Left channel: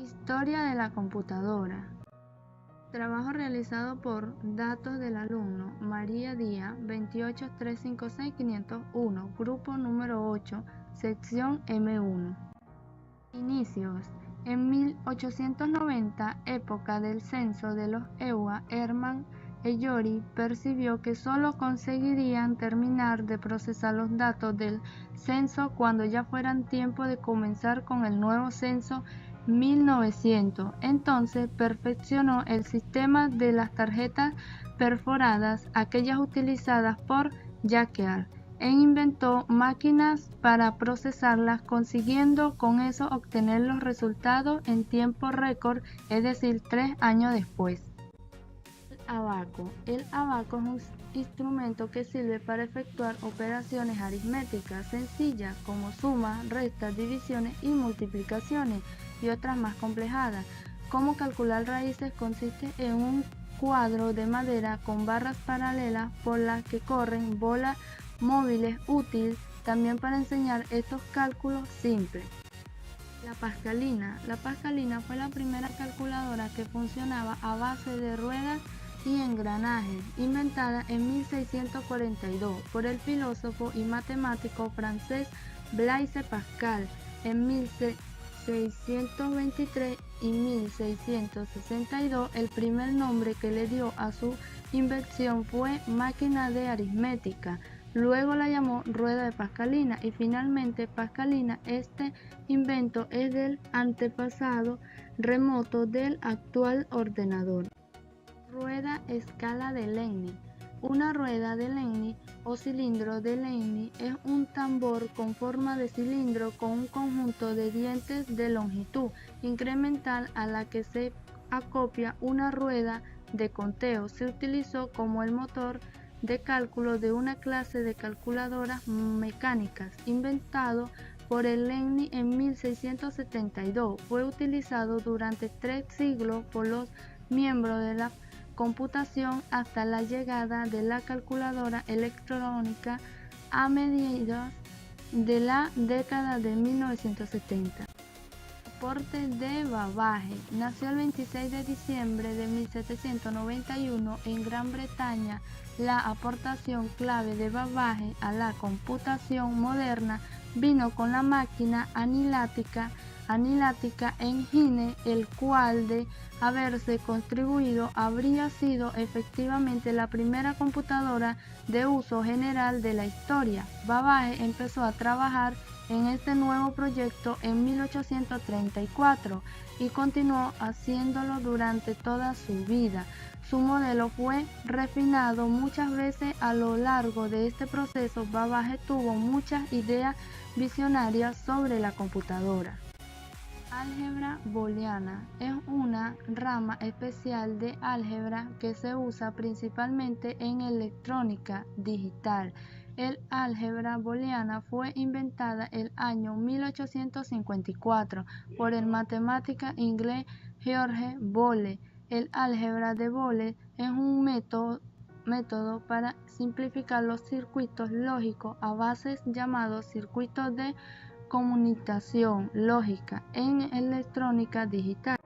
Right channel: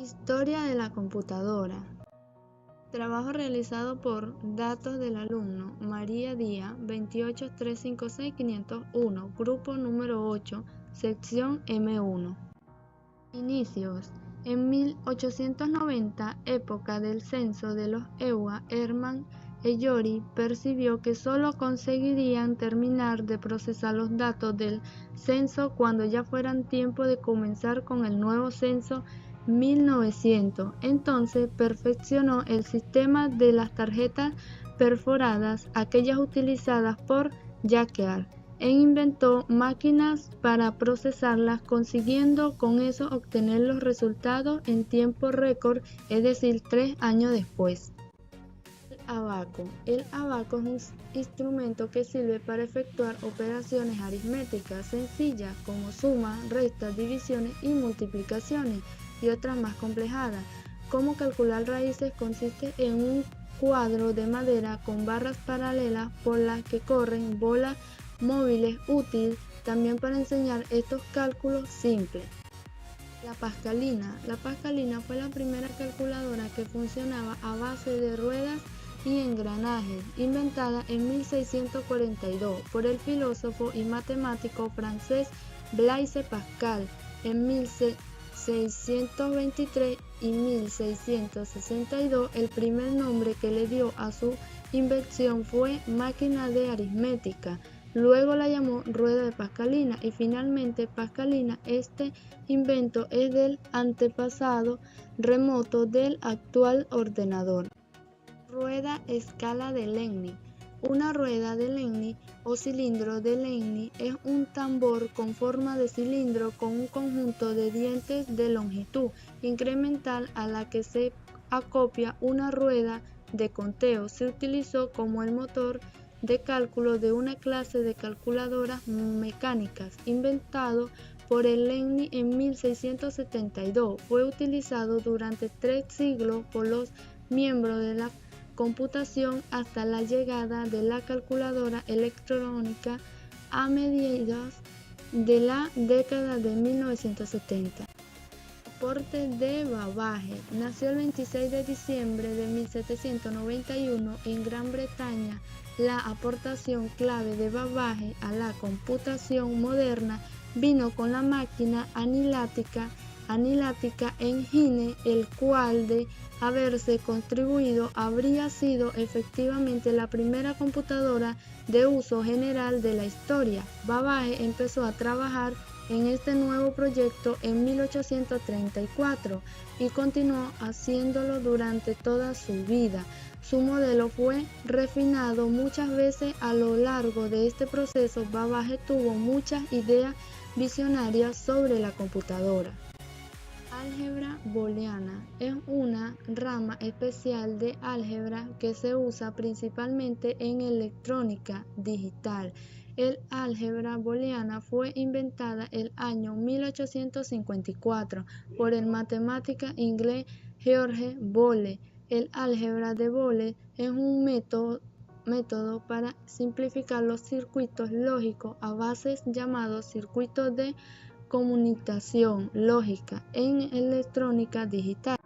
Historia de la computadora. Trabajo realizado por datos del alumno María Díaz, 28356-501, grupo número 8, sección M1. Inicios. En 1890, época del censo de los EUA, Hermann Eyori percibió que solo conseguirían terminar de procesar los datos del censo cuando ya fueran tiempo de comenzar con el nuevo censo 1900. Entonces perfeccionó el sistema de las tarjetas perforadas, aquellas utilizadas por Jacquard, e inventó máquinas para procesarlas, consiguiendo con eso obtener los resultados en tiempo récord, es decir, 3 años después. El abaco es un instrumento que sirve para efectuar operaciones aritméticas sencillas como sumas, restas, divisiones y multiplicaciones, y otras más complejas, como calcular raíces. Consiste en un cuadro de madera con barras paralelas por las que corren bolas móviles, útil también para enseñar estos cálculos simples. La Pascalina fue la primera calculadora que funcionaba a base de ruedas y engranajes, inventada en 1642 por el filósofo y matemático francés Blaise Pascal. En 1623 y 1662 el primer nombre que le dio a su invención fue máquina de aritmética. Luego la llamó rueda de Pascalina y finalmente Pascalina. Este invento es del antepasado remoto del actual ordenador. Rueda escala de Lenni. Una rueda de Lenni o cilindro de Lenni es un tambor con forma de cilindro con un conjunto de dientes de longitud incremental a la que se acopla una rueda de conteo. Se utilizó como el motor de cálculo de una clase de calculadoras mecánicas inventado por el Lenni en 1672. Fue utilizado durante 3 siglos por los miembros de la computación hasta la llegada de la calculadora electrónica a mediados de la década de 1970. Aporte de Babbage. Nació el 26 de diciembre de 1791 en Gran Bretaña. La aportación clave de Babbage a la computación moderna vino con la máquina anilática engine, el cual, de haberse contribuido, habría sido efectivamente la primera computadora de uso general de la historia. Babbage empezó a trabajar en este nuevo proyecto en 1834 y continuó haciéndolo durante toda su vida. Su modelo fue refinado muchas veces a lo largo de este proceso. Babbage tuvo muchas ideas visionarias sobre la computadora. Álgebra booleana es una rama especial de álgebra que se usa principalmente en electrónica digital. El álgebra booleana fue inventada el año 1854 por el matemático inglés George Boole. El álgebra de Boole es un método para simplificar los circuitos lógicos a bases llamados circuitos de conmutación lógica en electrónica digital.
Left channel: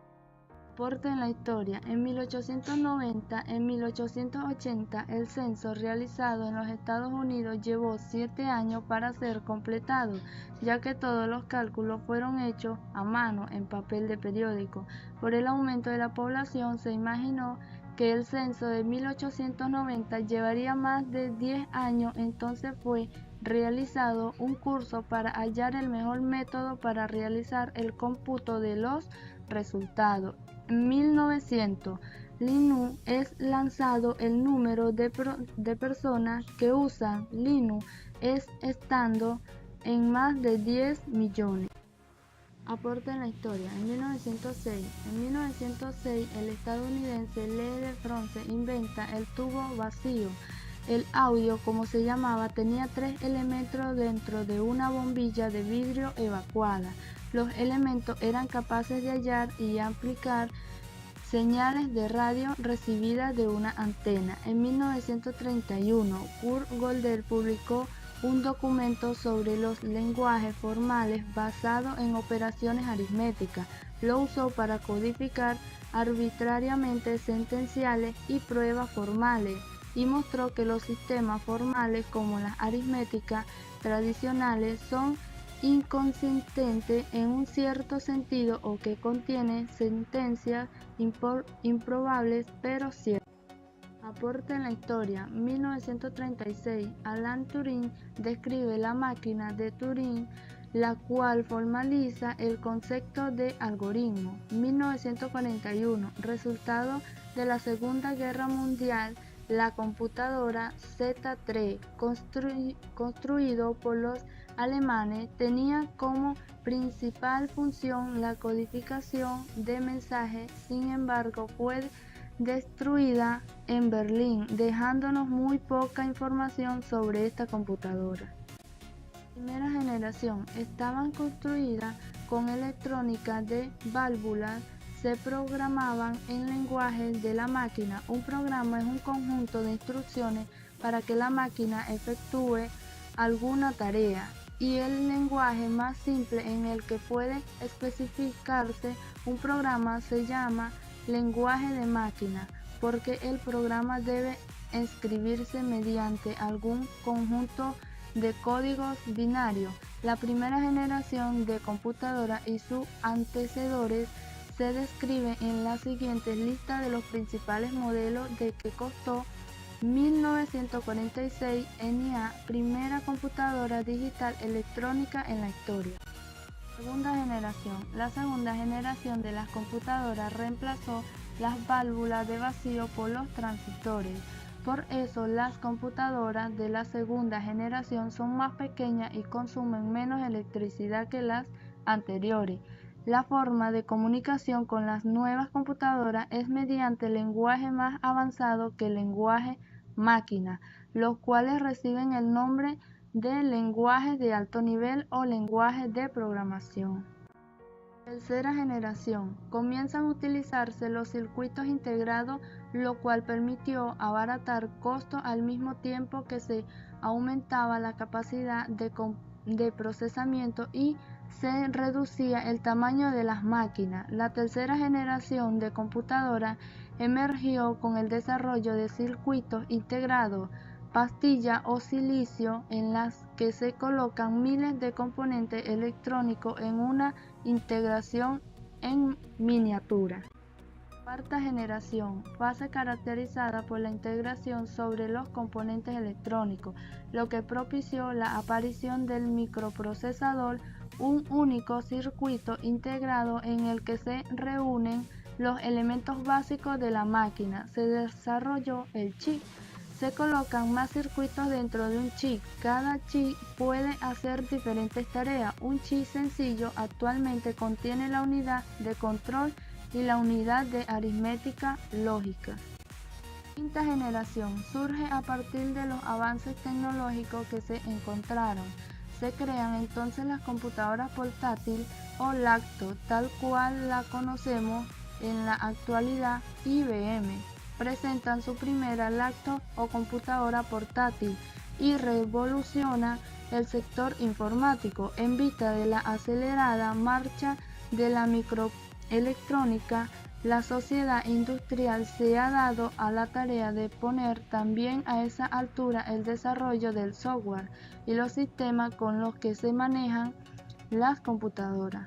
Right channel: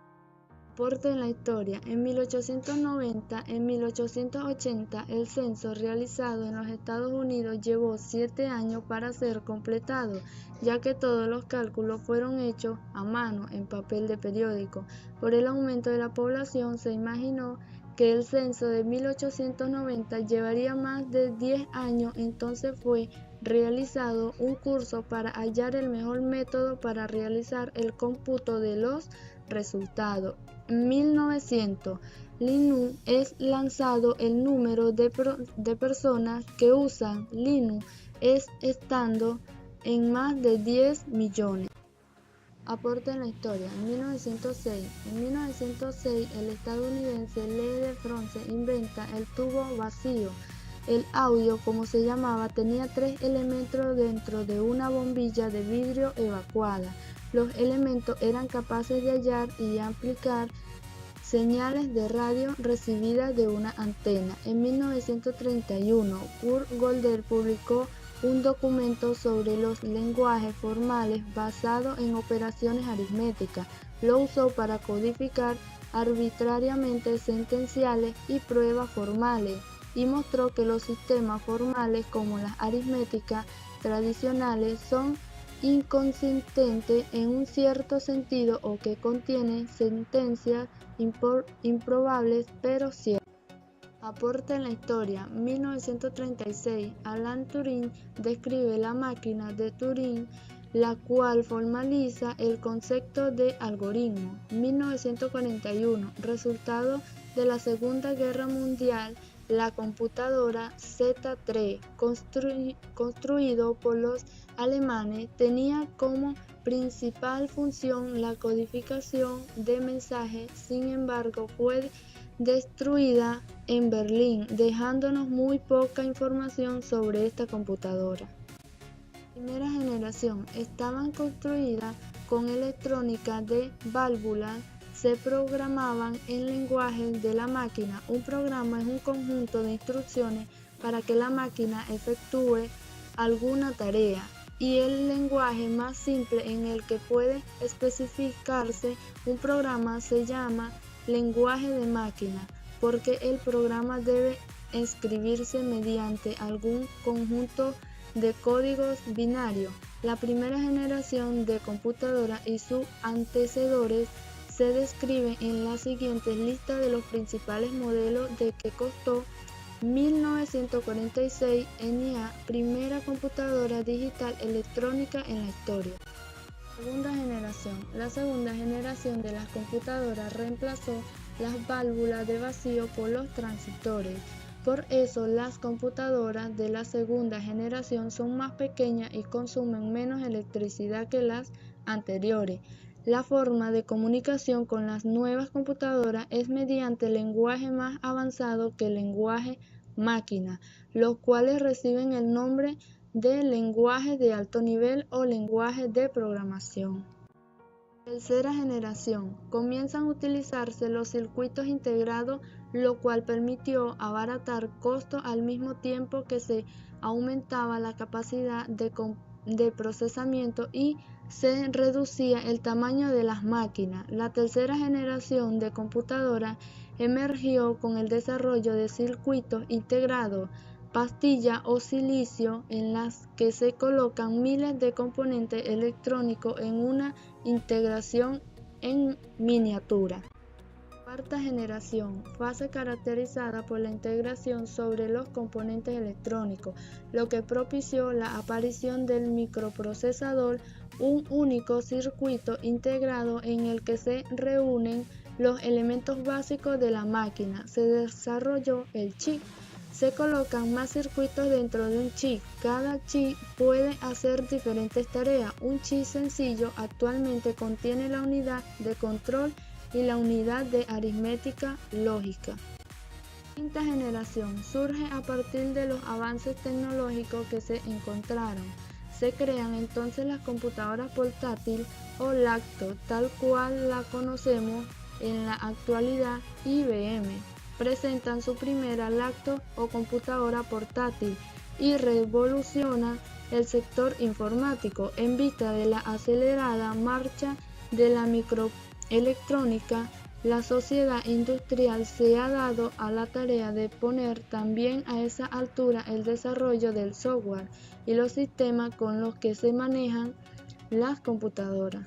Aporte en la historia. En 1890 y 1880 el censo realizado en los Estados Unidos llevó 7 años para ser completado, ya que todos los cálculos fueron hechos a mano en papel de periódico. Por el aumento de la población se imaginó que el censo de 1890 llevaría más de 10 años. Entonces fue realizado un curso para hallar el mejor método para realizar el cómputo de los resultados. En 1900, Linux es lanzado. El número de personas que usan Linux es estando en más de 10 millones. Aporte en la historia. En 1906 el estadounidense Lee de France inventa el tubo vacío. El audio, como se llamaba, tenía 3 elementos dentro de una bombilla de vidrio evacuada. Los elementos eran capaces de hallar y amplificar señales de radio recibidas de una antena. En 1931, Kurt Gödel publicó un documento sobre los lenguajes formales basado en operaciones aritméticas. lo usó para codificar arbitrariamente sentenciales y pruebas formales, y mostró que los sistemas formales como las aritméticas tradicionales son inconsistentes en un cierto sentido o que contienen sentencias improbables pero ciertas. Aporte en la historia. 1936, Alan Turing describe la máquina de Turing, la cual formaliza el concepto de algoritmo. 1941, resultado de la Segunda Guerra Mundial, la computadora Z3, construido por los alemanes, tenía como principal función la codificación de mensajes. Sin embargo, fue destruida en Berlín, dejándonos muy poca información sobre esta computadora. Primera generación estaban construidas con electrónica de válvulas, se programaban en lenguajes de la máquina. Un programa es un conjunto de instrucciones para que la máquina efectúe alguna tarea, y el lenguaje más simple en el que puede especificarse un programa se llama lenguaje de máquina, porque el programa debe escribirse mediante algún conjunto de códigos binarios. La primera generación de computadoras y sus antecesores se describen en la siguiente lista de los principales modelos de que costó 1946 NIA, primera computadora digital electrónica en la historia. Segunda generación. La segunda generación de las computadoras reemplazó las válvulas de vacío por los transistores. Por eso las computadoras de la segunda generación son más pequeñas y consumen menos electricidad que las anteriores. La forma de comunicación con las nuevas computadoras es mediante lenguaje más avanzado que el lenguaje máquina, los cuales reciben el nombre de lenguajes de alto nivel o lenguajes de programación. Tercera generación. Comienzan a utilizarse los circuitos integrados, lo cual permitió abaratar costos al mismo tiempo que se aumentaba la capacidad de procesamiento y se reducía el tamaño de las máquinas. La tercera generación de computadoras emergió con el desarrollo de circuitos integrados, pastilla o silicio, en las que se colocan miles de componentes electrónicos en una integración en miniatura. Cuarta generación, fase caracterizada por la integración sobre los componentes electrónicos, lo que propició la aparición del microprocesador, un único circuito integrado en el que se reúnen los elementos básicos de la máquina. Se desarrolló el chip. Se colocan más circuitos dentro de un chip. Cada chip puede hacer diferentes tareas. Un chip sencillo actualmente contiene la unidad de control y la unidad de aritmética lógica. Quinta generación surge a partir de los avances tecnológicos que se encontraron. Se crean entonces las computadoras portátiles o laptop, tal cual la conocemos en la actualidad. IBM presentan su primera laptop o computadora portátil y revoluciona el sector informático en vista de la acelerada marcha de la microelectrónica. La sociedad industrial se ha dado a la tarea de poner también a esa altura el desarrollo del software y los sistemas con los que se manejan las computadoras.